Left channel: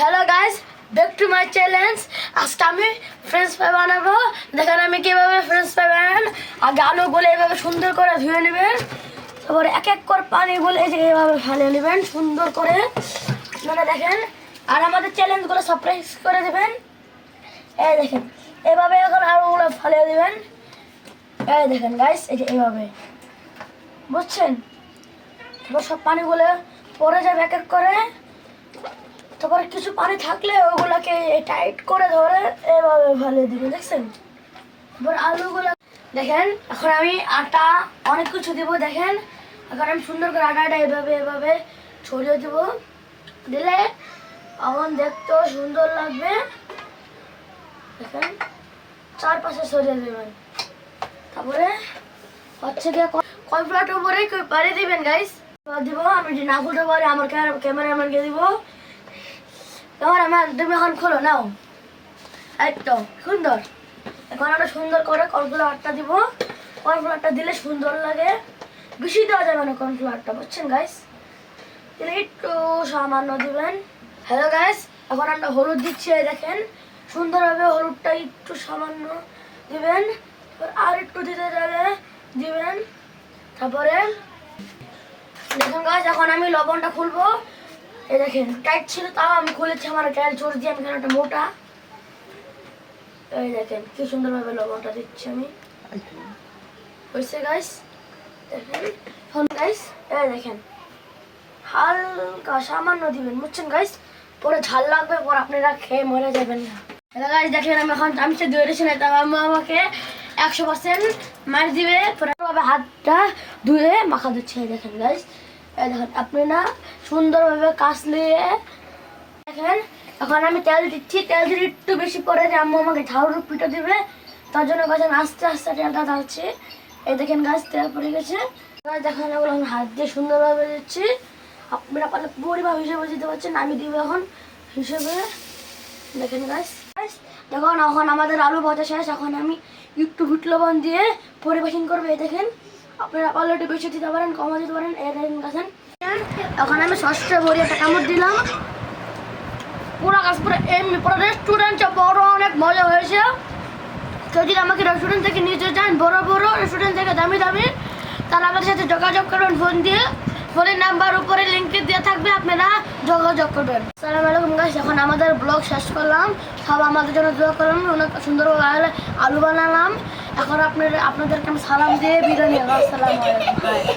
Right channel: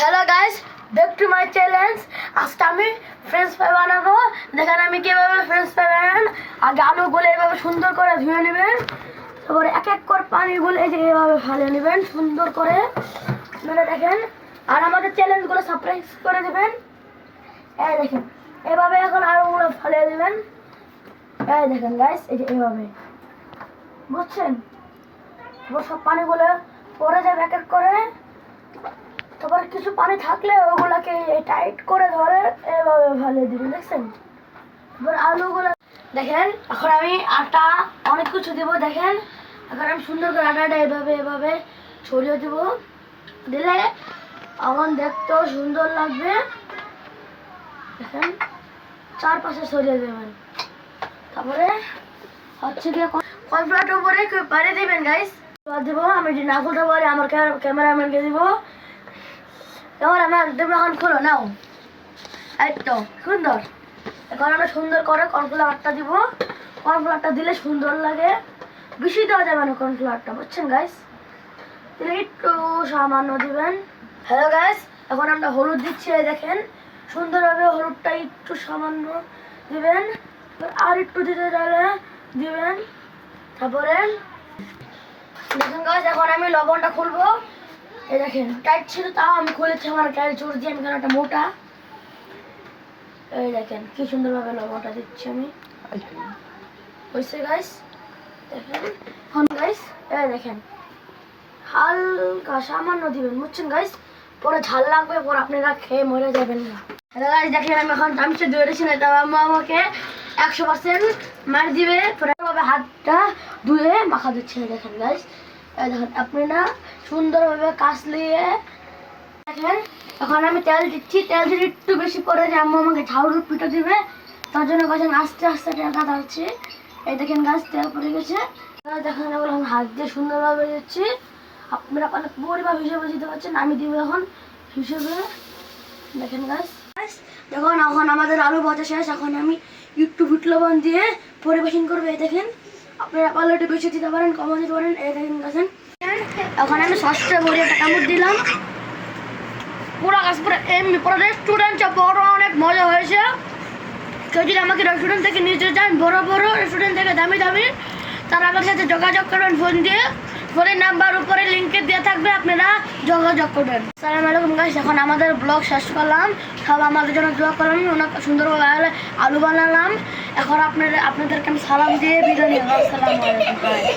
Hello guys, back to my challenge. আজকে আমি French fry বানাবো। দেখেন আমি কীভাবে ফ্রেঞ্চ ফ্রাই বানান। আগে আলুগুলো এভাবে সুন্দর করে ধুয়ে নেবেন, তারপরে এক এক করে পানিগুলো এই যে এভাবে ফেলে নেবেন সুন্দর করে। মানে দেখেন, আর আমাদের চ্যালেঞ্জগুলো সাবস্ক্রাইব করে দেবেন। এই দেখেন এভাবে এখন আলুগুলো ফেলে দেবেন। এই দেখেন গাইস, এই যে এভাবে, বুঝছেন? তারপর সব পানিগুলো পরে যাবে এক এক করে। তারপরে কিছু পানি থাকলে ওগুলোকে টাইট করে ধরে এভাবে ফেলে দিবেন, দেখছেন? তারপর আলুগুলো দেখেন, এখন আমি আটা অনেক কিছু দেবো। দেখেন এখন আমি সুন্দর করে আটাটা এভাবে এভাবে ছড়িয়ে দেবো, দিলে এখন দেখতেও সুন্দর লাগবে। দেখেন চারপাশে ছড়িয়ে দেবেন। তারপরে হচ্ছে গিয়ে কর্নফ্লাওয়ার উপরে পারে দিবেন গাইস। দিব আমি যদি না খুলতে পারি আমার ক্যামেরাম্যানকে দিব। তোমার আমার তুমি এখন খোলো নাও। এই তো সুন্দর। এখন আমরা সুন্দর করে কর্নফ্লাওয়ারটা দিব। কর্নফ্লাওয়ারটা দিলে সুন্দর লাগে, বেশি দেওয়া যাবে না কর্নফ্লাওয়ারটা, বুঝছেন গাইস? দিলে একটু সামান্য দিবেন। হ্যালো গাইস, এখন আমরা হলুদ দিচ্ছি। দেখেন সুন্দরভাবে হলুদটা একটু সামান্য দিবেন, আর একটু দিতে চাইলে দিবেন। তারপরে দেখুন গাইস, এখন আমি লবণটা খুলবো। এই দেখেন টাইট ছিল, তাও আমি খুলেছি আমার টাইট জোর দিয়ে। আমি কেন একটা মোটা। এই দেখেন কি সুন্দরভাবে লবণটা দিচ্ছি আমি। হয়েছে গাইস, দেখেন। এখন গাইস এই দেখেন হালকা সামান্য দিবেন, বুঝছেন গাইস? পরে ঝাল লাগবে, পরে আপনারা খেয়ে মরে যাবেন না। হ্যালো গাইস, দেখেন আমি এখন চামচে ধরেছি না, তাও আম্মা আমাকে 100% মার দিবে। পরে হাতটা ধুয়ে মাখা দিচ্ছে। দেখেন গাইস, দেখেন আপনারা সুন্দরভাবে কাচলিয়ে দেখেন। এখন আমি তেল দিচ্ছি, তেল যদি একটু বেশি পরে যে আম্মু আমাকে ঝাউর পিঠা দিবে, তার জন্য গাছ আমি আস্তে আস্তে তেলটা ঢালছি। এই দেখেন গাছ তেল পড়ে গেছে। দেখেন এগুলো আমি হাত দিয়ে সুন্দরভাবে দিচ্ছি। আপনারা পরিমাপ হিসেবে দিতে পারছেন, আমি দিব এখন হিসেবে। দেখেন গাছ দেখুন এখন আমাদের আলু ভাজা শেষ। এখন আমি একটু বিট লবণ দিয়ে পরিবেশন করবো। এই দেখেন আপনারা পারলে একটু বেশি দিতে পারেন, কমও দিতে পারেন। এই দেখেন গাছেন, এখন আমি সসটা ভরে একটা কামড় দিলাম। পুরো গাছ পুরো এমনি পুরো রেস্টুরেন্ট বড়, অনেক মজা হয়েছে। কেউ যদি আমাকে রেস্টুরেন্ট থেকে নিতে চান, বড় বড় রেস্টুরেন্ট থেকে দামি দামি, তারা আমাদের সাথে যোগাযোগ করবেন ফোন দিয়ে। ফোনের নাম্বার উপরে লিঙ্কে দেওয়া থাকবে, আপনারা যোগাযোগ করবেন। আসসালামু আলাইকুম গাইস, এখন আমাদের ব্লগ শেষ করলাম। সব আমাদের জন্য দোয়া করলাম। অনেক সুন্দরভাবে আলু বানালাম। এখন আপনাদেরকে আমি সালাম দিয়ে বিদায় নিলাম। আসসালামু আলাইকুম।